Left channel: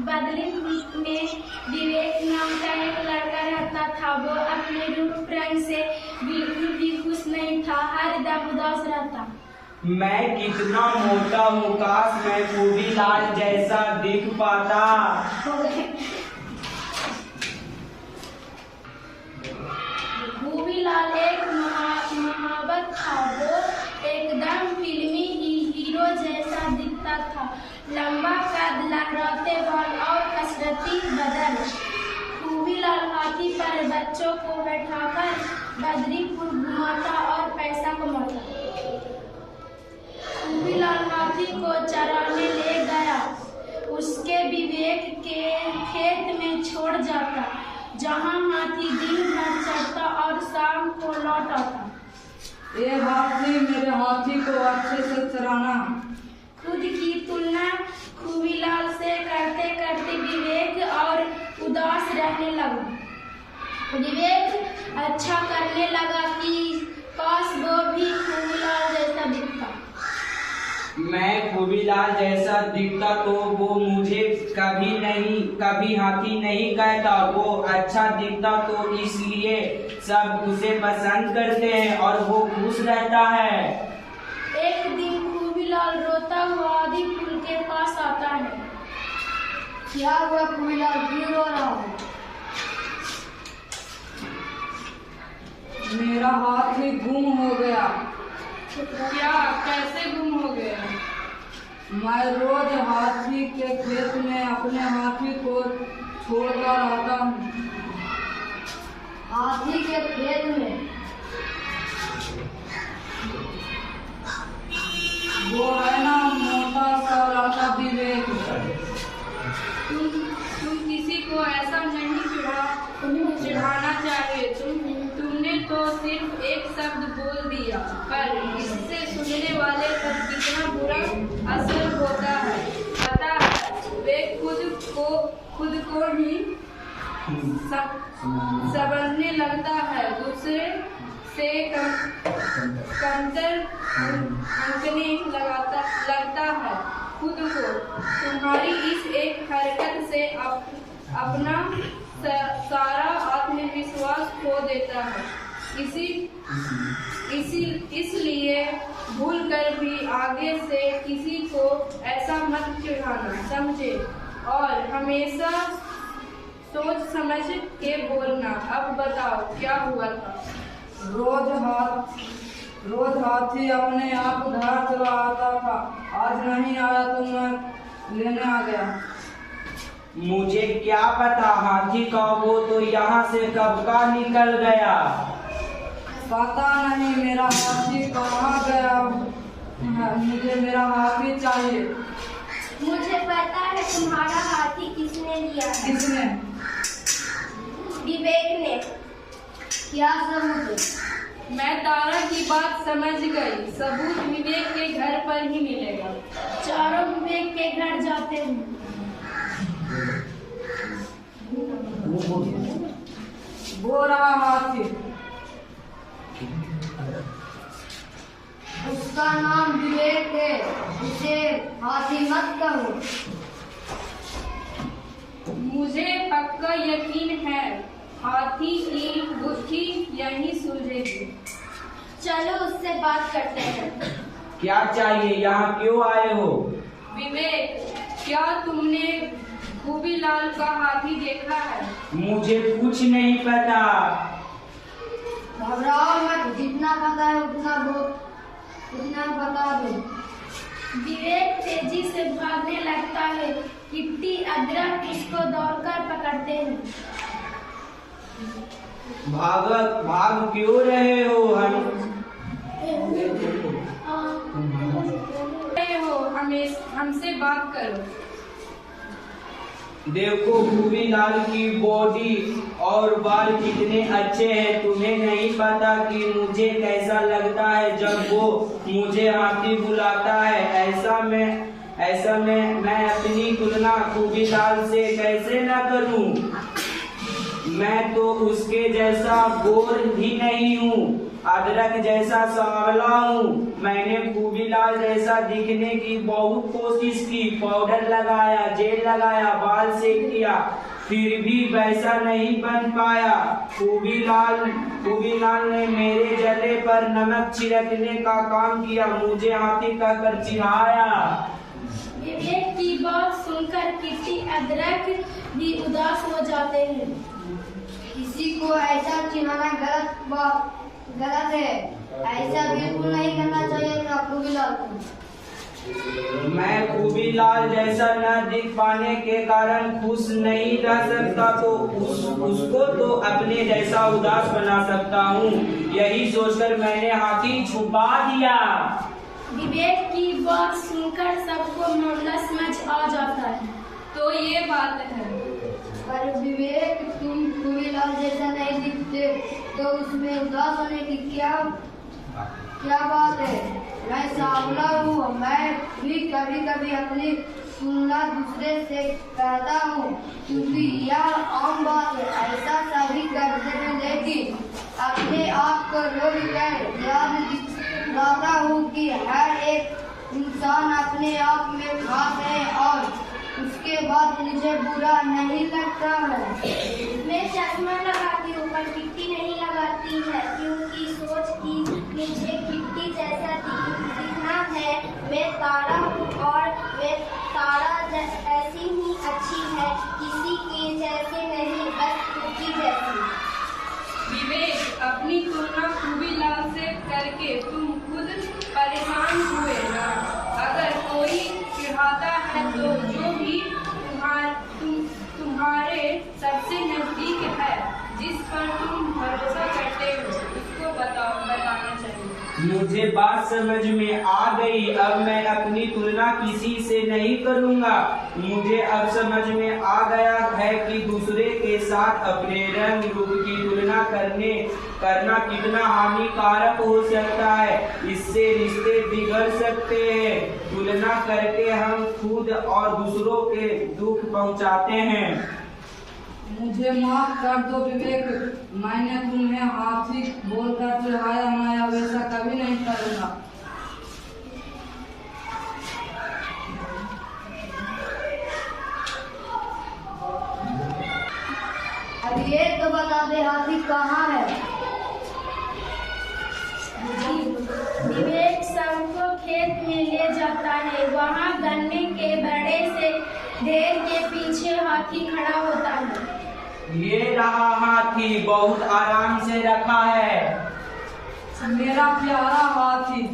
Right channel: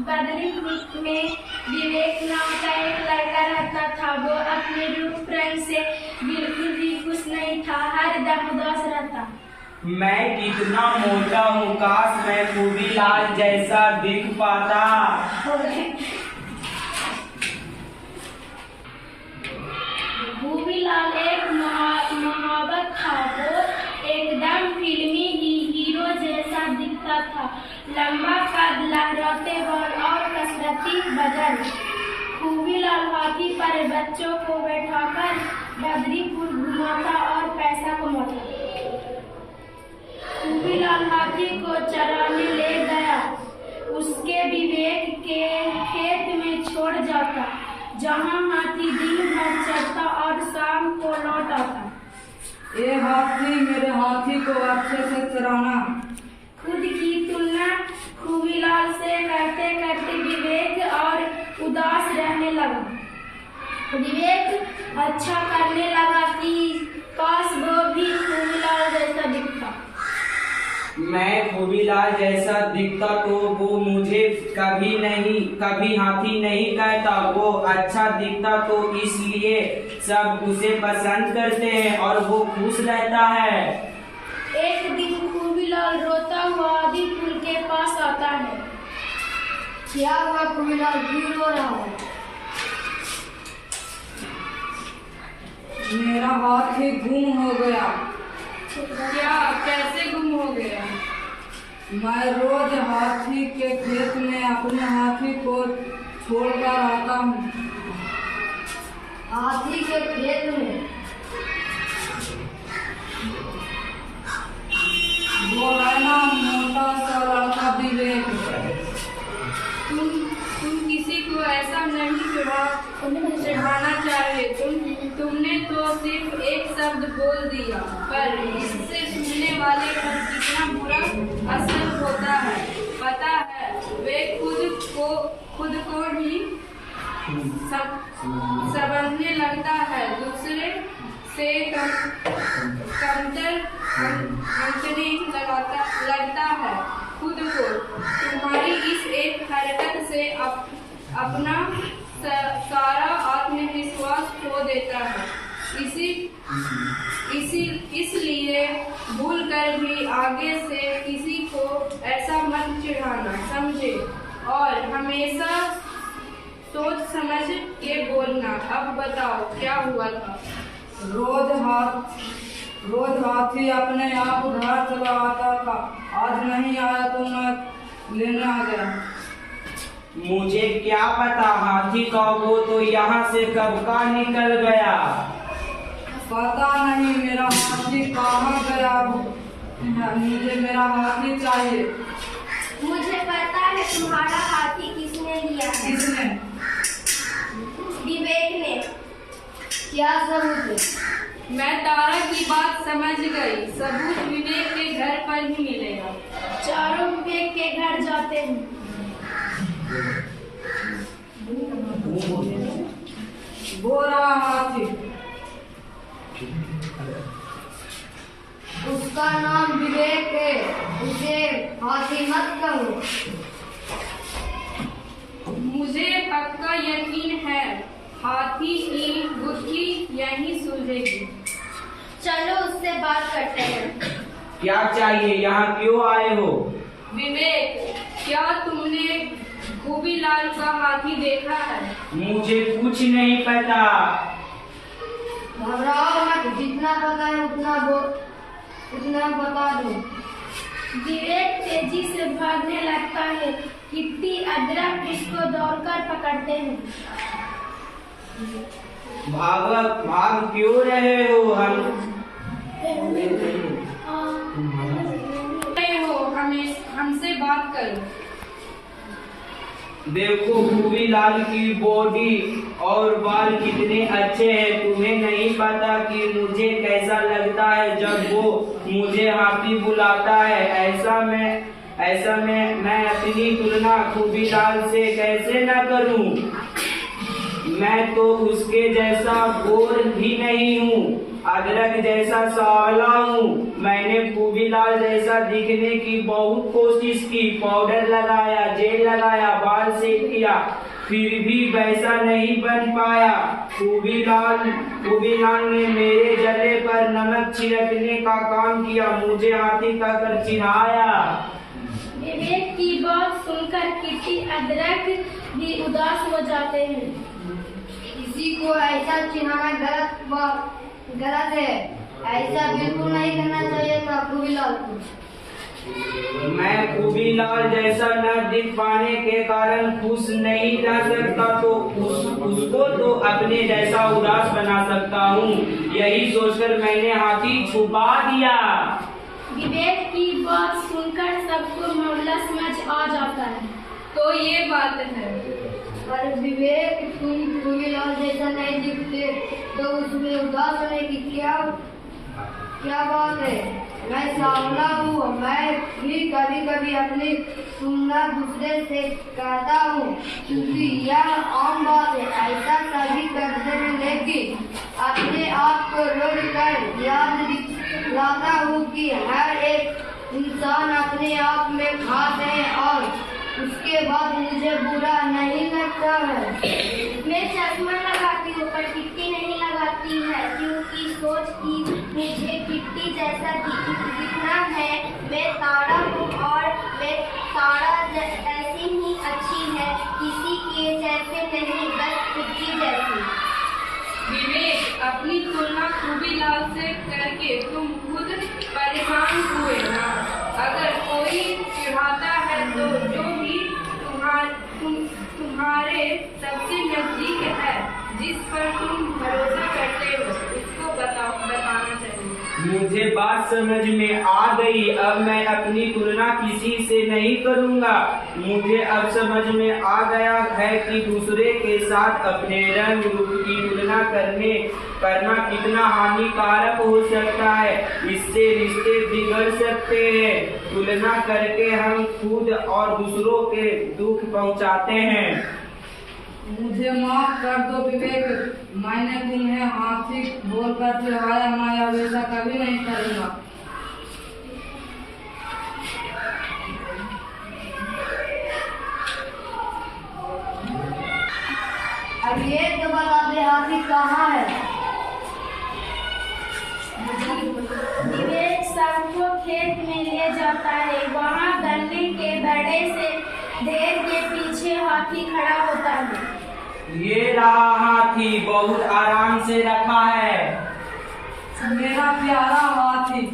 बदली में विवेक नाम का एक लड़का रहता था। वो अपने रूप रंग से बिल्कुल भी खुश नहीं था, हर दम उदास रहता। मैं कितना मोटा हूँ, काश मैं खूबीलाल जैसा दिख पाता। खूबीलाल एक महावत था। वो एकदम फिल्मी हीरो जैसा दिखता था। लंबा कद, लहराते बाल और कसरती बदन। खूबीलाल हाथी पर बच्चों को बैठाकर बदरीपुर घुमाता और पैसा कमाता। खूबीलाल हाथी को चराने ले गया, उसके विवेक के खेत में छोड़ जाता, जहाँ हाथी दिन भर चरता और शाम को लौट आता। ये हाथी, मेरे हाथी को अच्छे से चराना। खुद की तुलना खूबीलाल से करते करते विवेक और उदास रहने लगा। विवेक अच्छा करने लगा कि काश वो भी खूबीलाल जैसा दिखता। मैं खूबीलाल जैसा दिखता तो वो मुझे कभी हाथी नहीं कहता। वो अच्छा दिखता तो इसलिए सब उसे पसंद करते हैं और वो खुश रहता है। एक दिन खूबीलाल रोता हुआ आदि पुल के पास आता है। क्या हुआ खूबीलाल, क्यों रो रहा है? मेरा हाथी गुम हो गया। क्या, कैसे गुम हो गया? मैं रोज हाथी के खेत में अपने हाथी को छोड़कर आता हूँ। हाथी के खेत में? वो है ना मोटा सा लड़का विवेक। तुम किसी को ऐसा नहीं चढ़ाना चाहिए। तुमने तो सिर्फ एक शब्द बोल दिया, पर इससे सुनने वाले पर कितना बुरा असर होता है पता है। वे खुद को ही समझने लगता है, दूसरे से कमतर आंकने लगता है खुद को। तुम्हारी इस एक हरकत से अपना सारा आत्मविश्वास खो देता है। इसलिए भूल कर भी आगे से किसी को ऐसा मत चिढ़ाना, समझे? और हमेशा सोच समझ के बोलना। अब बताओ क्या हुआ था? रोज हाथी अपने आप उधार चला आता था। आज नहीं आया तो मैं लेने आ गया। मुझे क्या पता हाथी का, वो तो यहाँ से कब का निकल गया। पता नहीं मेरा हाथी कहाँ गया है। मुझे मेरा हाथी चाहिए। मुझे पता है तुम्हारा हाथी किसने लिया है। किसने? विवेक ने। क्या सबूत है? मैं तारा की बात समझ गई। सबूत विवेक के घर पर ही मिलेगा। चारों विवेक के घर जाते हैं। वो रहा हाथी। उसका नाम विवेक है, उसे हाथी मत कहो। मुझे पक्का यकीन है हाथी की बुद्धि यही सूझेगी। चलो उससे बात करते हैं। क्या चाहिए, यहाँ क्यों आए हो? विवेक, क्या तुमने खूबीलाल का हाथी देखा है? मुझे कुछ नहीं पता। घबराओ मत, जितना पता है उतना बता दो। विवेक तेजी से भागने लगता है। किट्टी, अदरक उसको दौड़कर पकड़ते हैं। भाग क्यों रहे हो? हमसे बात करो। देखो खूबीलाल की बॉडी और बाल कितने अच्छे हैं। तुम्हें नहीं पता कि मुझे कैसा लगता है जब वो मुझे हाथी बुलाता है। ऐसा में मैं अपनी तुलना खूबीलाल से कैसे न करूं। मैं तो उसके जैसा गोर भी नहीं हूँ, अदरक जैसा सांवला हूँ। मैंने खूबीलाल जैसा दिखने की बहुत कोशिश की, पाउडर लगाया, जेल लगाया, बाल सेट किया, फिर भी वैसा नहीं बन पाया। खूबीलाल ने मेरे जले पर नमक छिड़कने का काम किया, मुझे हाथी कहकर चिढ़ाया। विवेक की बात सुनकर किट्टी अदरक भी उदास हो जाते हैं। किसी को ऐसा चिढ़ाना गलत है, ऐसा बिल्कुल नहीं करना चाहिए था खूबीलाल को। मैं खूबीलाल जैसा न दिख पाने के कारण खुश नहीं रह सकता, तो उसको तो अपने जैसा उदास बना सकता हूँ। यही सोचकर मैंने हाथी छुपा दिया। विवेक की बात सुनकर सबको मामला समझ आ जाता है। तो ये बात है। पर विवेक, तुम खूबीलाल जैसा नहीं दिखते तो उसमें उदास होने की क्या बात है? मैं सांवला हूँ, मैं भी कभी कभी अपनी तुलना दूसरे से करता हूँ, क्योंकि यह आम बात है, ऐसा सभी करते हैं। लेकिन अपने आप को रोक कर याद दिलाता हूँ कि हर एक इंसान अपने आप में खास है और उसके बाद मुझे बुरा नहीं लगता है। मैं चश्मा लगाती हूँ पर किट्टी नहीं लगाती है, क्योंकि सोच की मुझे किट्टी जैसा दिखना है। मैं तारा हूँ और मैं तारा ऐसी ही अच्छी है, किसी के जैसे नहीं, बस किट्टी जैसी। विवेक, अपनी तुलना खूबीलाल से करके तुम खुद परेशान हुए ना। अगर कोई चिढ़ाता है तो जो भी तुम्हारे सबसे नजदीक है, जिस पर तुम भरोसा करते हो, उसको बताना चाहिए। मुझे बात समझ में आ गई। अब मैं अपनी तुलना किसी से नहीं करूँगा। मुझे अब समझ में आ गया है कि दूसरे के साथ अपने रंग रूप की तुलना करना कितना हानिकारक हो सकता है। इससे रिश्ते बिगड़ सकते हैं। तुलना करके हम खुद और दूसरों के दुख पहुंचाते हैं। मुझे माफ कर दो विवेक, मैंने तुम्हें हाथी बोलकर चिढ़ाया, मैं अब ऐसा कभी नहीं करूँगा। अब ये तो बता दे, हाथी कहाँ है? विवेक सबको खेत में ले जाता है। वहाँ गन्ने के बड़े से ढेर के पीछे हाथी खड़ा होता है। ये रहा हाथी, बहुत आराम से रखा है। मेरा प्यारा हाथी।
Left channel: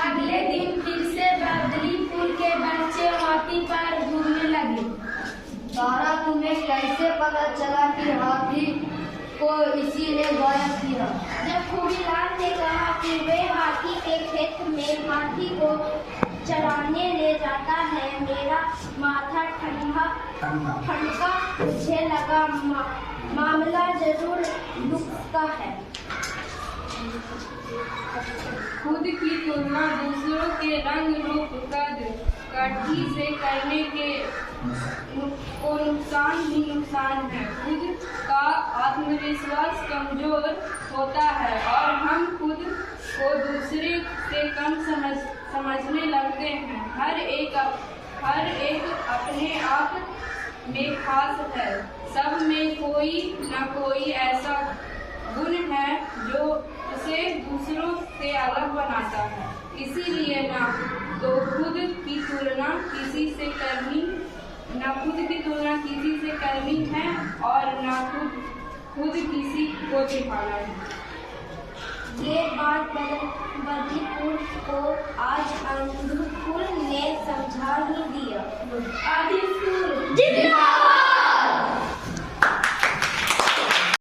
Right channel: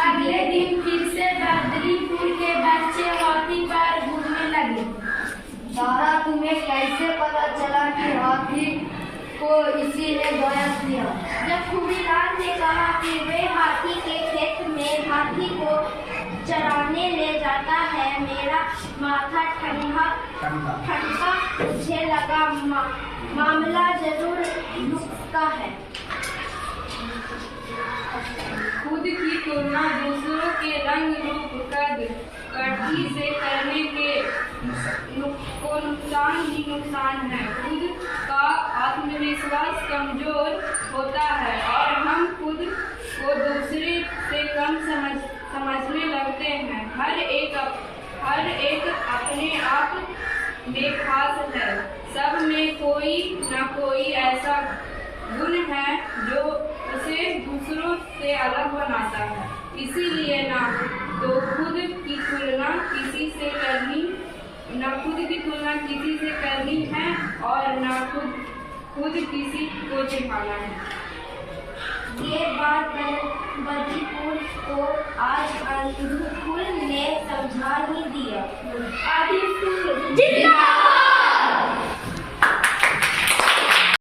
अगले दिन फिर से बदली फूल के बच्चे हाथी पर घूमने लगे। तारा, तुम्हें कैसे पता चला कि हाथी को इसी ने गायब किया? जब खूबीलाल ने कहा कि वे हाथी के खेत में हाथी को चराने ले जाता है, मेरा माथा ठंडा। मुझे लगा मामला जरूर नुक्सा है। खुद की तुलना दूसरों के रंग रूप कटी से करने को नुकसान ही नुकसान है। खुद का आत्मविश्वास कमजोर होता है और हम खुद को दूसरे से कम समझने लगते हैं। हर एक अपने आप में खास है। सब में कोई न कोई ऐसा गुण है जो उसे दूसरों से अलग बनाता है। इसीलिए ना तो खुद की तुलना किसी से करनी है और ना खुद किसी को दिखाना है। ये बात बदलीपुर को आज अंधुपुर ने समझा ही दिया।